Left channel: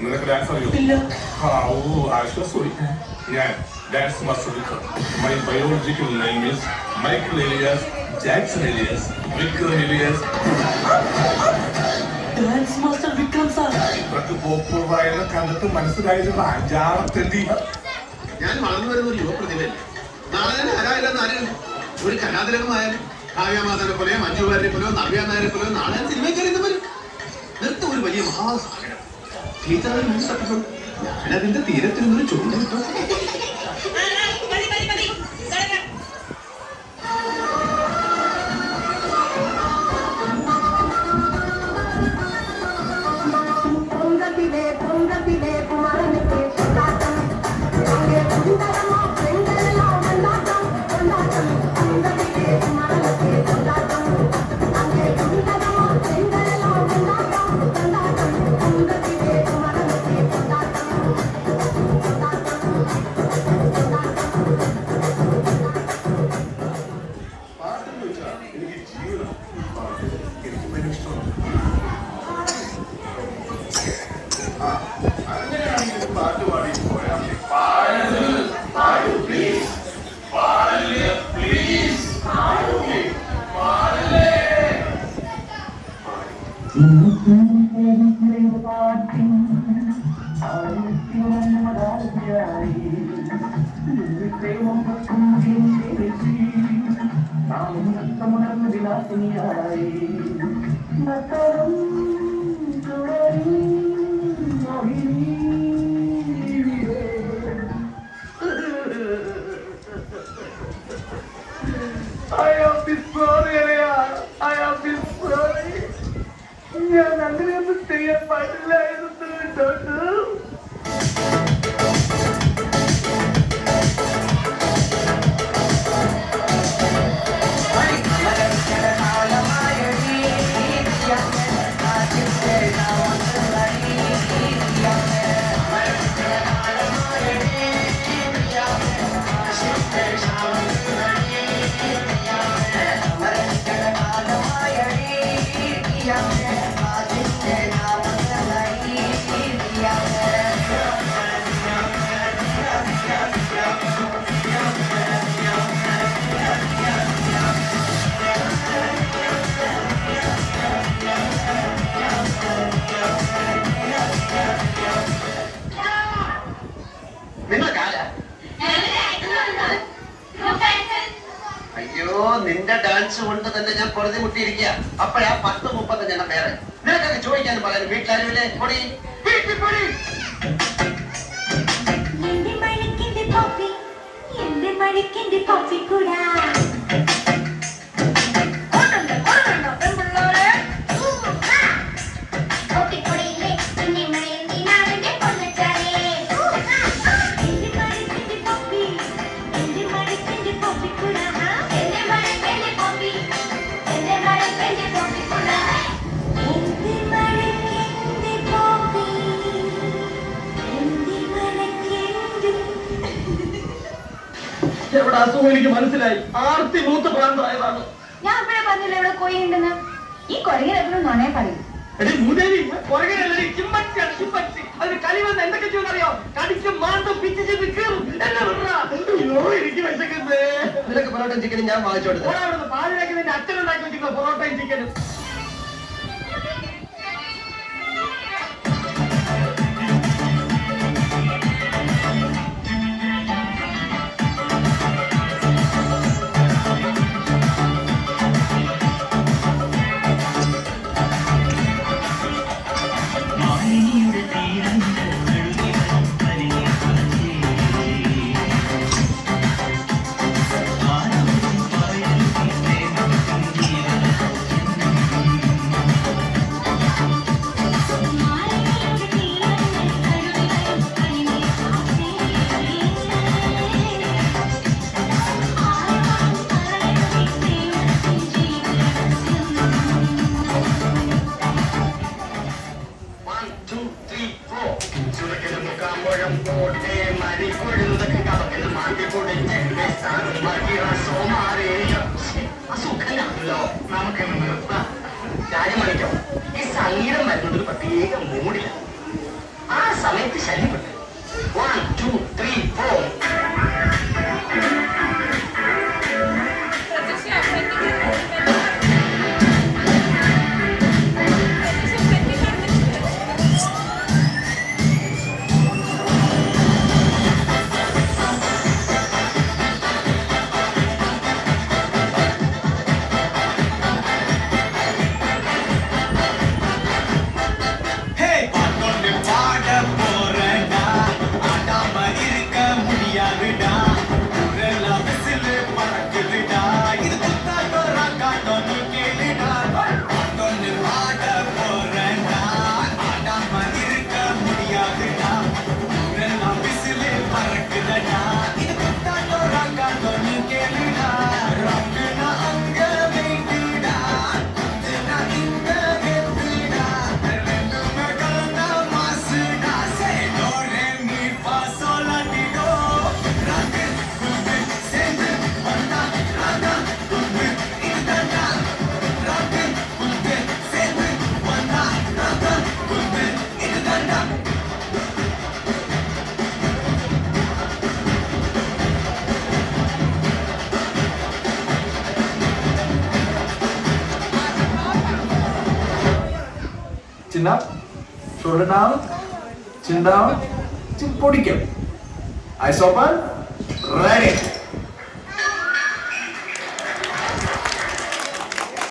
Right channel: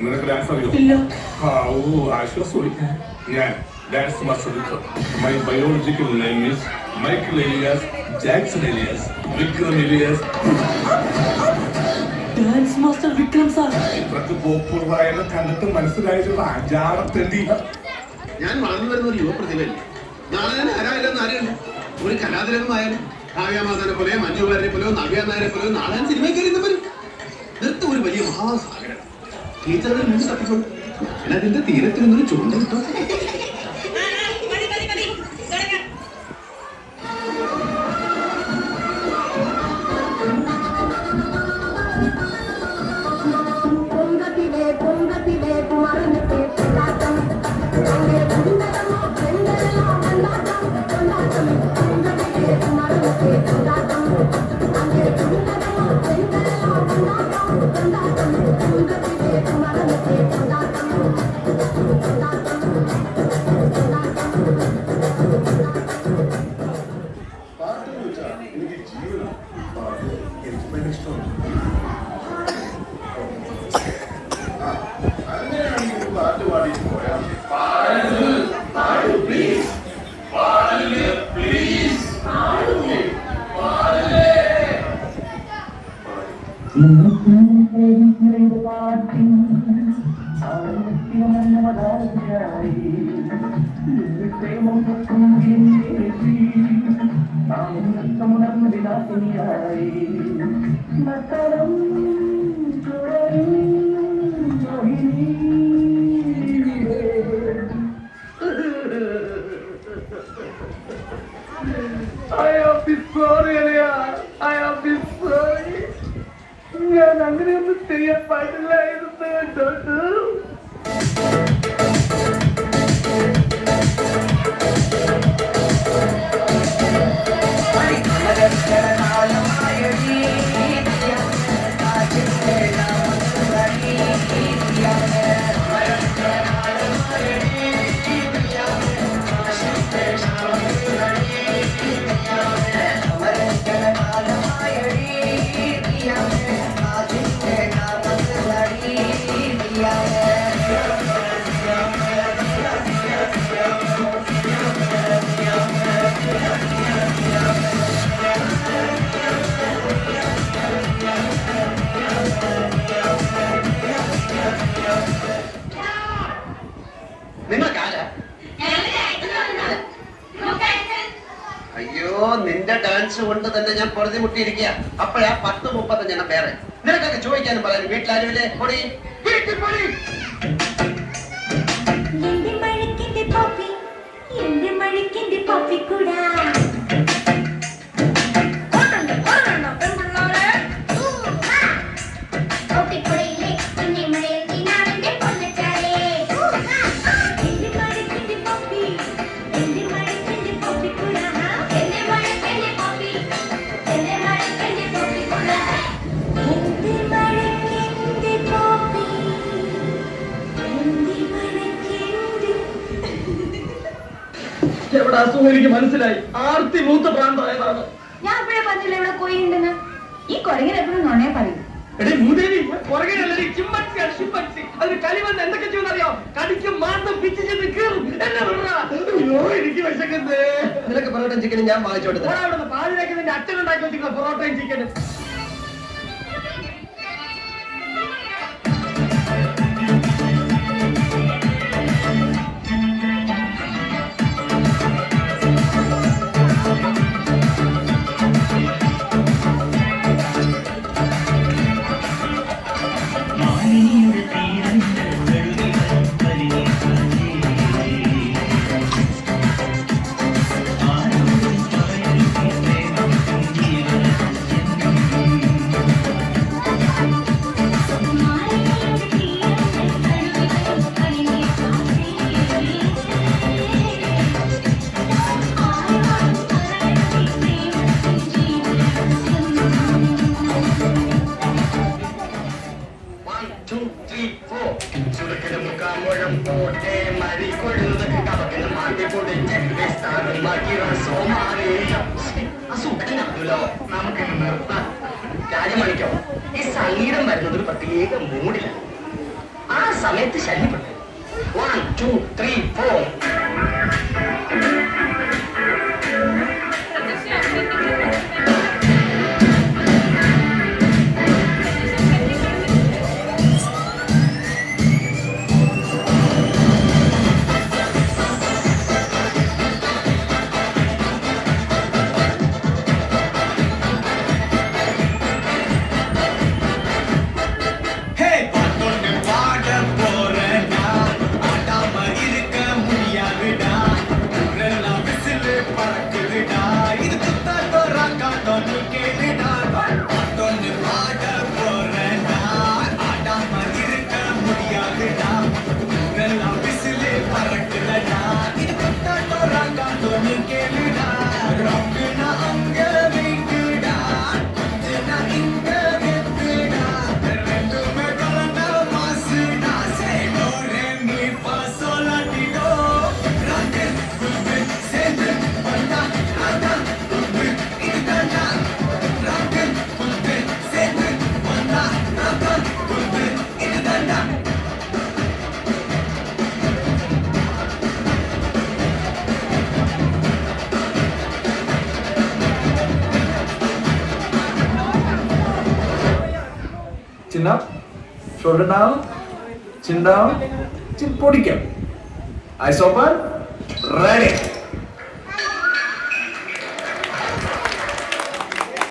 നിനക്ക് ഡാൻസ് അറിയില്ല? ആശ്വാസം. ഞാൻ dance master Vikram. My biological name is Michael alias Jackson alias Vikram alias. Dance master Vikram sir. ഇതൊക്കെ പോപ്പുലറായ കണ്ടിട്ട് മനസ്സിലായിട്ടുള്ള അഞ്ചാമത്തെത്തി. ഞാൻ വളർന്നു വരുന്ന ഒരു യുവപ്രതിഭ. നാളെ തന്നെ ആരായില്ലെന്ന് അറിയുന്നു. ഒരു കലാതിലകമായാലും കാവ്യമാതാനെ പോലെയോ മഞ്ജുവാരെ പോലെയോ നവ്യാനാരെ പോലെയോ നാളെ സിനിമ കയറിയവരും നൃത്തം ഒരു വലിയ മഹാസാഗരം. ടീച്ചറുടെ മുന്നിൽ തട്ടുന്നു. ഞാനതിന്റെ തീരത്തിൽ നിന്നൊരു ചോദ്യം കിട്ടും. ഞാൻ അങ്ങനെയൊന്നും ചെയ്യാൻ പാടില്ലായിരുന്നു കേട്ടോ. അയ്യോ, നിന്റെ ഡാൻസ് കൊണ്ട് തന്നെ ഞാൻ കുറഞ്ഞു മുട്ടിയിരിക്കുക. അപ്പഴാ 10:35 വേറെ. നിനക്കൊക്കെ ചോദിക്കാനും പറയാനും വീട്ടിലാരുമില്ലേ? പൊടി എവിടെ അസുഖം എനിക്ക് മനസ്സിലായി. ആർത്തി മൂത്ത പ്രാന്തമായതാണ്. ഞാൻ അപ്പോഴേ പറഞ്ഞില്ല ഇവിടെ പോയിട്ടുണ്ടെന്ന്. ഈ കുരങ്ങിൽ എപ്പോഴും നുണയെ പറയും. കളിവന്ന് എന്തൊക്കെ ചെയ്യുന്നറിയോ? കടിക്കും മാന്തം പിച്ചിട്ട് കീറും. അയ്യോ, എനിക്ക് വിശക്കുന്നേ. നിനക്ക് പൊറോട്ടയും ചിക്കനും ഞാൻ വാങ്ങിച്ചു കൊടുത്തു. പാലിനാക്കി നിന്റെ അച്ഛനുണ്ടാക്കി വെച്ചിട്ടുള്ള പൊറോട്ടയും ചിക്കനും. ഈ സംഗീതം വരുന്നത് ഒരു പ്രത്യേക മൂടില്ല. ആ சேர்த்து சரிப்பட்டு 1 2 3 4 Chin up, shoulder down, chin down, chin podium. Eyes open, ready.